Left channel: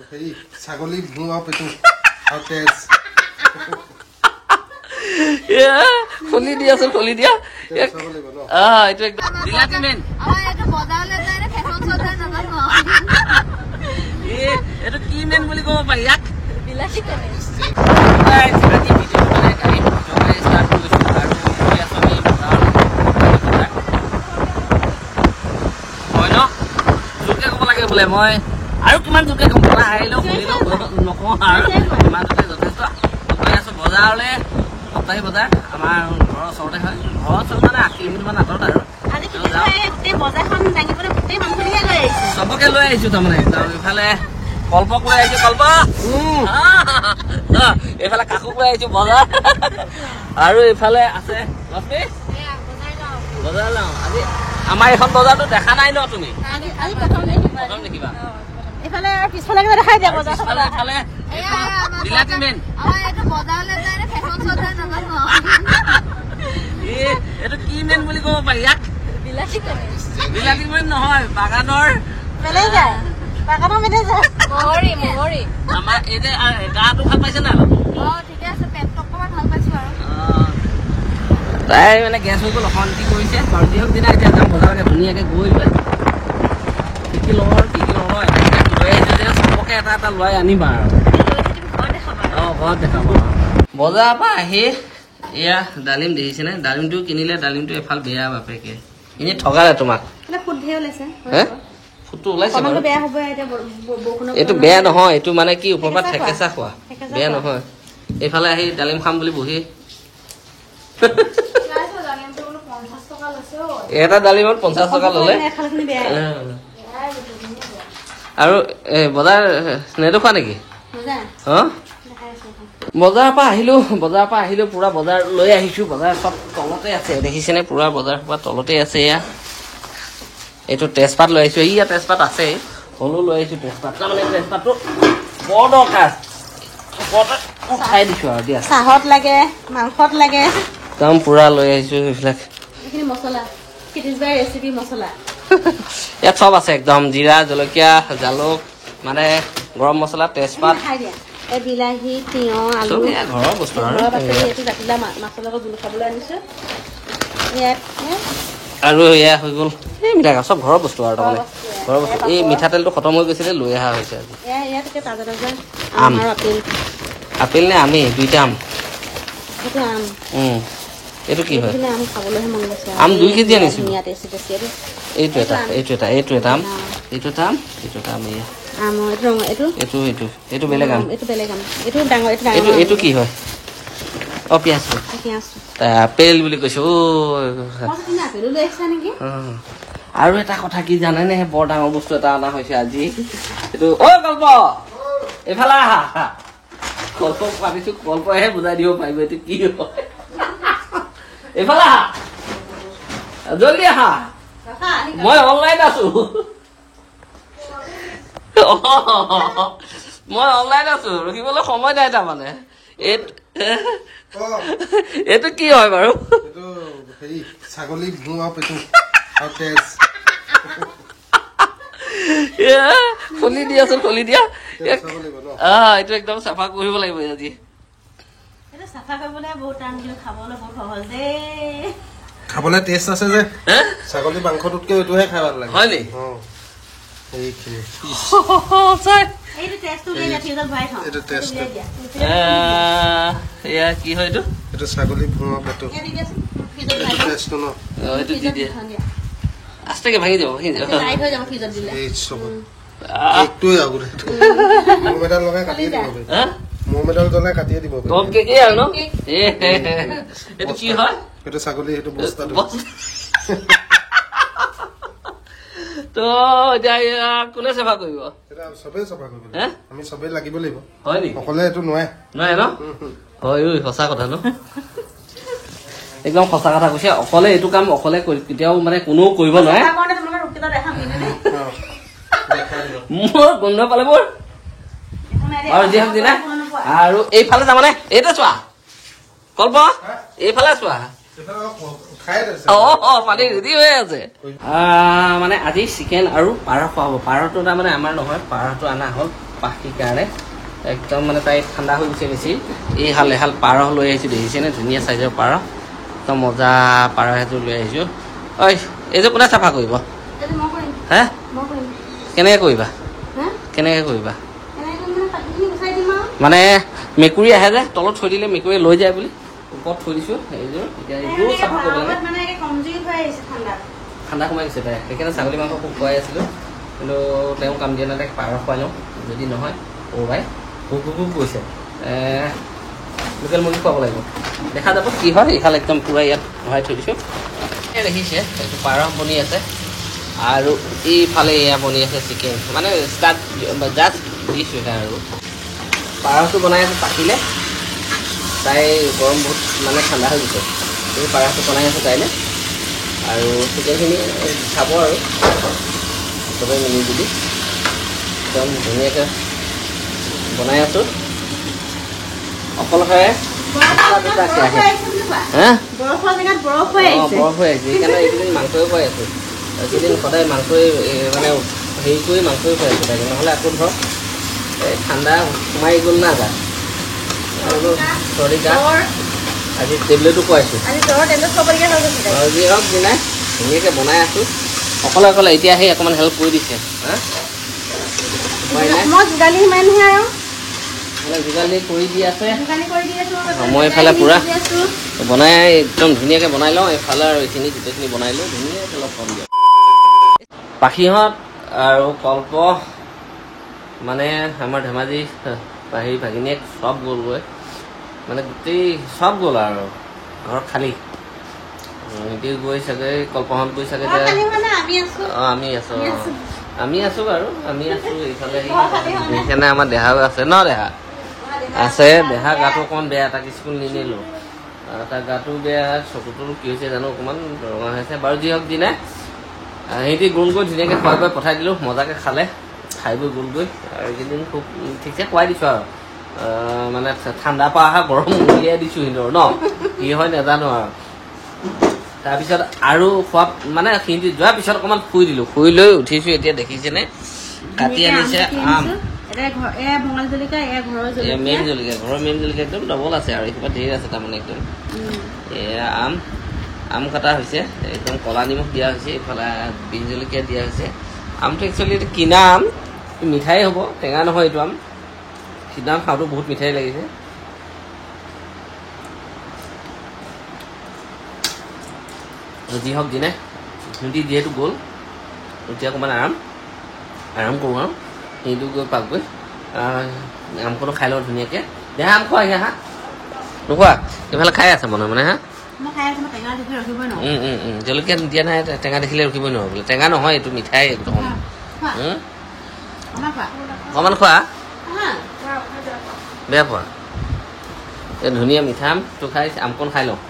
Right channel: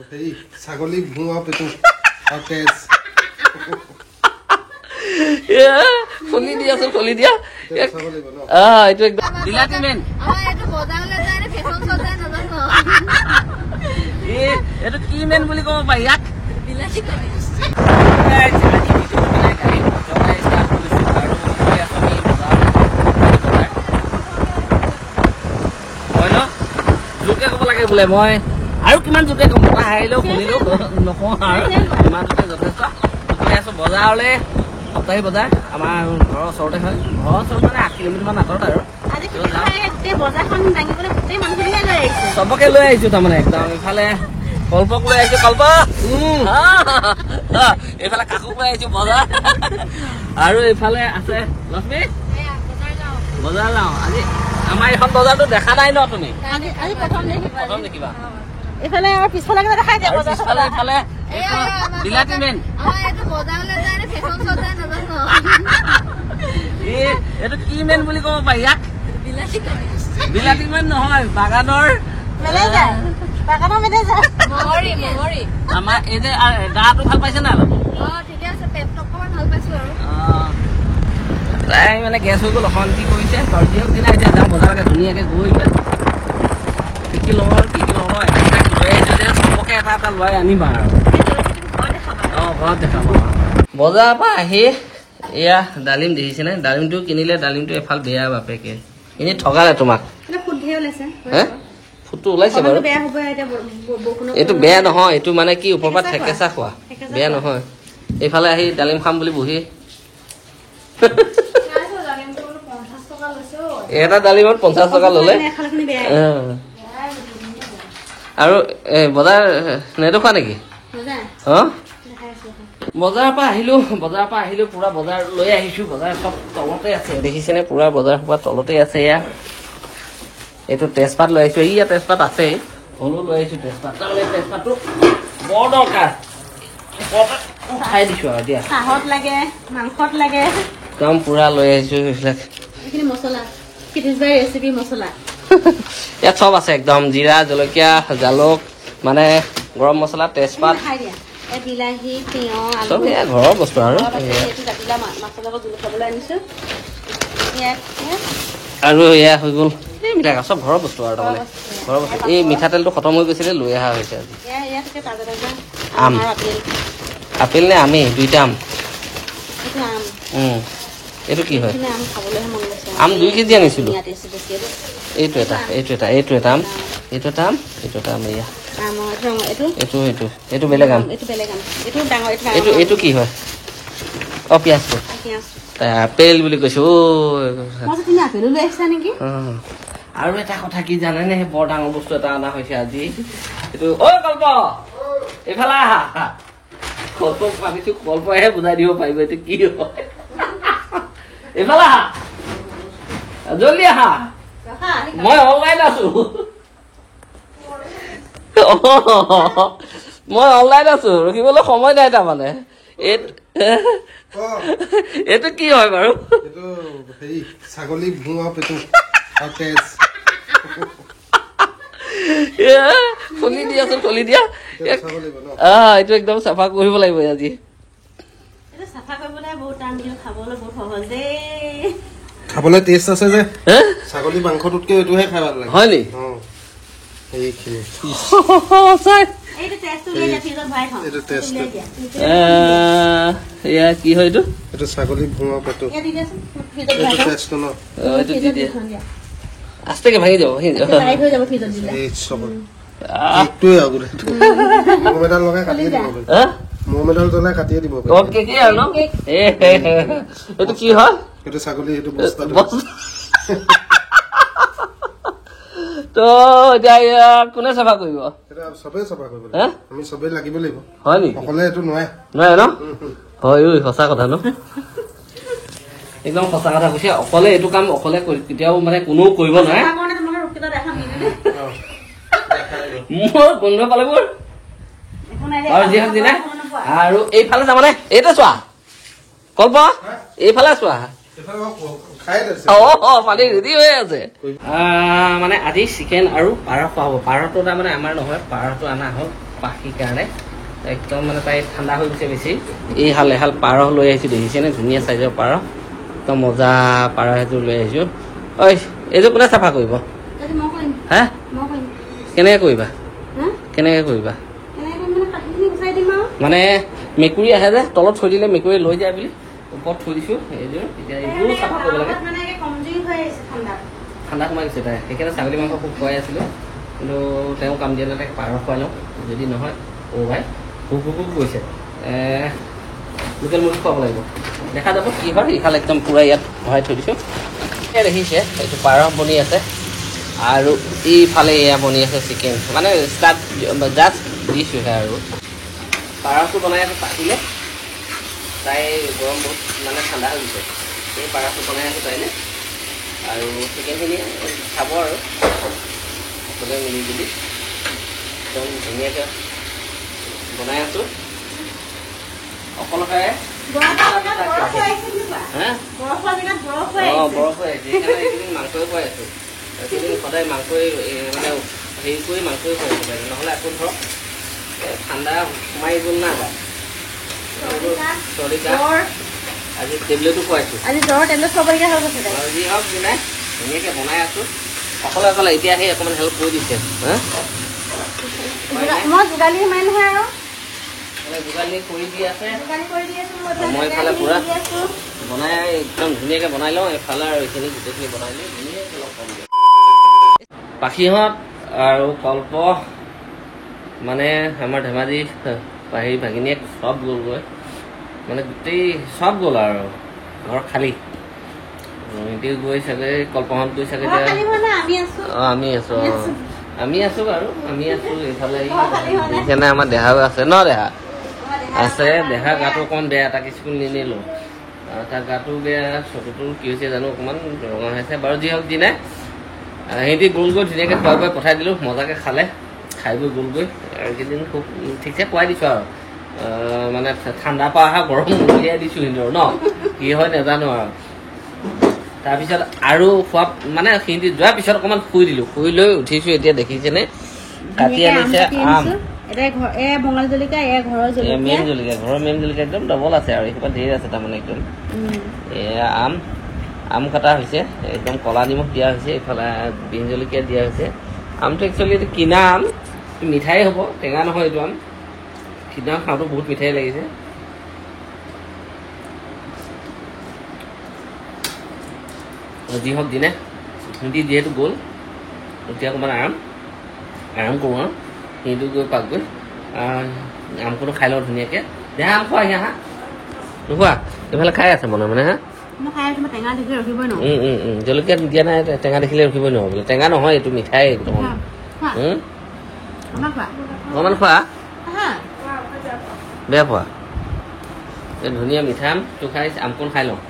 ছাগলী ভুৱা পেটু আৰু তেজ খুলি দিয়া আছে খুলি দিয়া এইটো একদম বিলাতী মেন এইটো কি মেন বুলি ক'ব পাৰি ইয়াক বোলে মই আৰু কিমান জোকে আহিলেও শুনিলেও নকওঁ আৰু ইমান জোকে যথেষ্ট গৈ আছো বজাৰলৈ সপ্তাহী বজাৰ আমাৰ ঘৰৰ ওচৰতে হয় ঘৰৰ ওচৰত মানে 8 কিলোমিটাৰমান আঁতৰত আৰু চবকে লৈ আহিছো তাৰমানে একদম ইফালে কল্পক লৈ আহিছো কল্প এইফালে কাকোক লৈ আহিছো বজাৰ আৰু ইফালে আছে লক্ষ্মী বজাৰ যাওঁ আজি আমাৰ এখন বজাৰটো দেখা নাই ন আপুনি এইফালে পিছফালে দেখাই দিয়া বজাৰ বিলাতী মেন এইটো কি মেন বুলি ক'ব পাৰি ইয়াক বিলাতী মেন নহয় বাগানৰ মেনেজাৰ আমাৰ এই যে গাটো ভাল পাইছে নাই তাই মানে গেছ হৈ গ'ল অশান্তি কৰিছে দিনা এতিয়া যাম বজাৰকে ধুনীয়াকে গৈ পেলাই কি কি লওঁ আৰু কি কি নলওঁ চবকে এটা এটা লৈ আনিবা আৰু ঘৰত দেখাব বজাৰৰ পৰা আহি এয়া ডালিম দেখিছেনে ডালিমটো কিনিলে ডালিমটো এফাল বেয়া বাপেকে এনে ঠগালে তোমাক ফুটটো ওলাইছে বাৰু এইটো বেয়া নহয় এইটো মানে কি ওপৰৰ পৰা ঠেকেচা খোৱা বেয়া নহয় এইফালে আহি ডালিম খাম বুলি বহি এটা ডালিমত 50 টকা ললে আৰু বজাৰ নেদেখুৱা নেকি বজাৰৰ পৰা আহিলো পুৰা বজাৰ লৈ আহিছো বজাৰ সব তলতে আছে দেখিছেনে পুৰা বজাৰ সোপা তলতে আছে এয়া এইটো তেজপাত লৈ আহিছো ইয়া তেজপাত আছে হলেও লৈ আহিছো তেজপাত তাৰমানে তেজপাতটো বৰ দৰকাৰ উঠাই দিছো আৰু দিয়া চাহত লাগে মাংসত লাগে একদম পুৰা লৈ আহিছো এইবিলাক মছলা ৰেচিপি মছলা ইয়াত চব আছে একদম জিৰা জলকীয়া জালুক মানে গৰম মছলা তেজপাত বিলাহী তিয়হ ঘৰৰ বস্তু আৰু আৰু এয়া হৈ গ'ল এইবিলাক চব ঘৰৰ বস্তু আৰু তাৰমানে ঘৰৰ বস্তু এই মিঠাতেলটো খতম হৈ গৈছিলে লৈ অহা হৈছে আজি আম আপেল নে আমি দুইটা আম এইটো কি হয় আম 2 কেজি আনিছিলো এইটো এটা আম এইটো বেলেগ আম এইটো কি হয় পিয়াজ আপেল বুলি কৈছো আৰু এটা কথা কি জানেনে বৰ ডাঙৰ বস্তু এটা অনা হৈছে আজি এইটো কল্প এইফালে আহা কল্পক ভাবিছো কল্পহে বুজাই দিব পাৰিব এইটো কি হয় এইফালে আহা জলদি আহা মই অনলাইন আছো ৰখিবলৈ সময় নাই তাৰমানে এইটো কি হয় বাৰু ছাগলী ভুৱা পেটু আৰু তেজ খুলি দিয়া আছে খুলি দিয়া এইটো একদম চাফা কৰিব লাগিব আজি খাবলৈ টেষ্ট আছে যে ছাগলী মাংসটোতকৈ এইটোহে খাই ভাল লাগে হয় নি কি হয় এইটো ছাগলী ভুৱা পেটু আস্তেকে ভাঙি যাব কাটিয়ে দিব এইটো কি হয় এইটো ছাগলী এইটো তো এতিয়া কোনে চাফা কৰিব চবেই চাফা কৰিব আমি চবেই লাগিব লাগিব হয় নেকি অকলে এইটো নোৱাৰে ন হয় সঁচা কথা ন একদম সঁচা কথা কৈছে অকলে এইটো কাম অকলে কেতিয়াও মানে কোনো কৰিব নোৱাৰে মোৰ গোন্ধ পালে মোৰ বাৰু যি হওক দিনা আৰু এইফালে তাৰমানে এইটো চোৱা কল্প এইফালে চোৱা পানী ৰেডি হৈ আছে মানে আজি চিকেন আৰু পাৰ খোৱা হ'ব পাৰটো তাৰমানে আমাৰ নহয় পাৰটো অনা হ'ল পাখিৰ কাৰণে একদম মানে তাই ঠাণ্ডা হৈ গৈছে বেছি এই এহাল পাৰ লৈ আহিছোঁ দেখিছেনে ধুনীয়া চাইজৰ পাৰ একদম মজা পাৰ সেইযোৰ লৈ আহিছোঁ ঐ এইযোৰ কোনে চাফা কৰিব হা কেনেকৈ কৰিবা মানে মেকুৰী আহে যে তলত থৈ দিলে মেকুৰী লৈ যায় বুলি ওপৰত থৈ দিছোঁ এইযোৰ এতিয়া এইটোও চাফা কৰিব লাগে ঠাণ্ডা সোমাই গৈছে তাই সেইকাৰণে ছাগলী মাংস খুব খুৱাই আছিলোঁ কিন্তু তেওঁ কাম দিয়া নাই তাইক পাৰ খুৱাই লওঁ যদি নহয় ভাই ভোক গৈছে লোকেল মুৰ্গী খুৱাব লাগিব দেখা যাব কি হয় ইফালে একদম পূৰা ইয়াত ভৰাই থৈ দিছোঁ এয়া দেখিছে এইটো পাৰ বনি আছে আৰু ইফালে এয়া বনি আছে চিকেন মানে ষ্টাৰ্ট জাষ্ট দিছোঁ আৰু পাৰটো বনাই আছোঁ পাতিলে তাই গৰম বহুত মানে ঠাণ্ডা হৈ গৈছে এই পাৰটো বনাই আছোঁ তাইলৈ আৰু চিকেনখিনি খাব আৰু চবেই মিলি জুলি একদম ধুনীয়াকৈ বনাই আছোঁ অকলশৰে বৰফ হৈ আহিছে সেইকাৰণে এইকেইদিন মাংসই খুৱাই আছোঁ এইকেইদিন সদায় মাংসই মানে হেৰি কৰি মাংসই খুৱাই আছোঁ তাইক নহ'লে আকৌ ধৰক ঠাণ্ডা সোমাই গ'ল না গা আৰু চৰ্দি গা আজি টেবলেটো খুৱাইছোঁ যি হওক দিনাই ধুনীয়াকৈ বনাই আছোঁ অকলে এতিয়া আহি অকণমান হেল্প কৰি দিছে যোগালী কৰি দি আছে মই এইফালে পূৰা বনাই একদম ধুনীয়াকৈ বনাই লওঁ এইফালে আৰু এইখিনি গোটেইখিনি বনাই লওঁ ধুনীয়াকৈ অলপ কম দিয়ক পাখিহঁত আৰু কল্প মানে আমাৰ ধেমাজি পাহি ভাগিনীয়েক চব গ'লগৈ মানে গোটেই চব গ'ল আৰু ঘৰত খালী সিহঁতি গৈ চাগে কল্পহঁত গৈ চাগে আমি আছোঁ বাৰু আমি আছোঁ এইফালে সেইকাৰণে আমাৰ দেহাও আছে ন দেহা আছে দেহা গাটো অকণমান বেয়া তাক স্কুল নিনিলোঁ তাৰ গাটো বেয়া চকুটো কি হৈছে জানো অকণমান ৰঙা হৈছে বাৰু যি হওক দিনাই সিহঁতি গ'লগৈ ধুনীয়াকৈ খুৱাই খুৱাই পঠাই দিলোঁ মজাকৈ খালে খাই বৈ গ'লগৈ আৰু এইকেইদিন খুব ঠিকছে খুৱাই দিছোঁ আৰু মানে ঠাণ্ডা পৰা অহা গৰম উলিয়াই দিছোঁ সিহঁতৰ ন কি হয় নাজানো আৰু তাৰপিছত আৰু খোৱা মানে সিহঁতি যোৱাৰ পিছত অকণমান শুই দিলোঁ শুই লৈ উঠিছোঁ এতিয়া দেখিছেনে কাটি আনিছে আম মেইন জলকীয়া ঘৰৰ মেইন জলকীয়া একদম ডবল আছে আৰু এইসোপা ধেৰ আছে তাৰমানে একদম এয়া আম কটা হৈছে একদম কলা নিমখ দিয়া হৈছে এইফালে বিন জলকীয়া দিয়া হৈছে আমটো একচুৱেলি এইটো কিনা আম মিঠাই হ'ব টেঙা নহয় এইটো আম কিনা খাওঁতো বহুত মিঠাই লাগিছে যি হওক দিনে সিহঁতি যিহেতু গ'ল এতিয়া অকণমান আৰাম কৰোঁ আৰু সিহঁতো গৈ পাকগৈ আমখনো খাই লওঁ ধুনীয়াকৈ দেহা আম খোৱা হা নোখোৱা এইফালে খাই আছে মনে মনে হা জলকীয়া দিয়া নাই টেঙা দেখিলে ৰখিবই নোৱাৰো বোলে টেঙা নহয় এইটো মিঠাই একদম অকণমান খোৱা বেয়া খোৱা এই ধুনীয়া মিঠা আমটো খাই আমকণ খাই লওঁ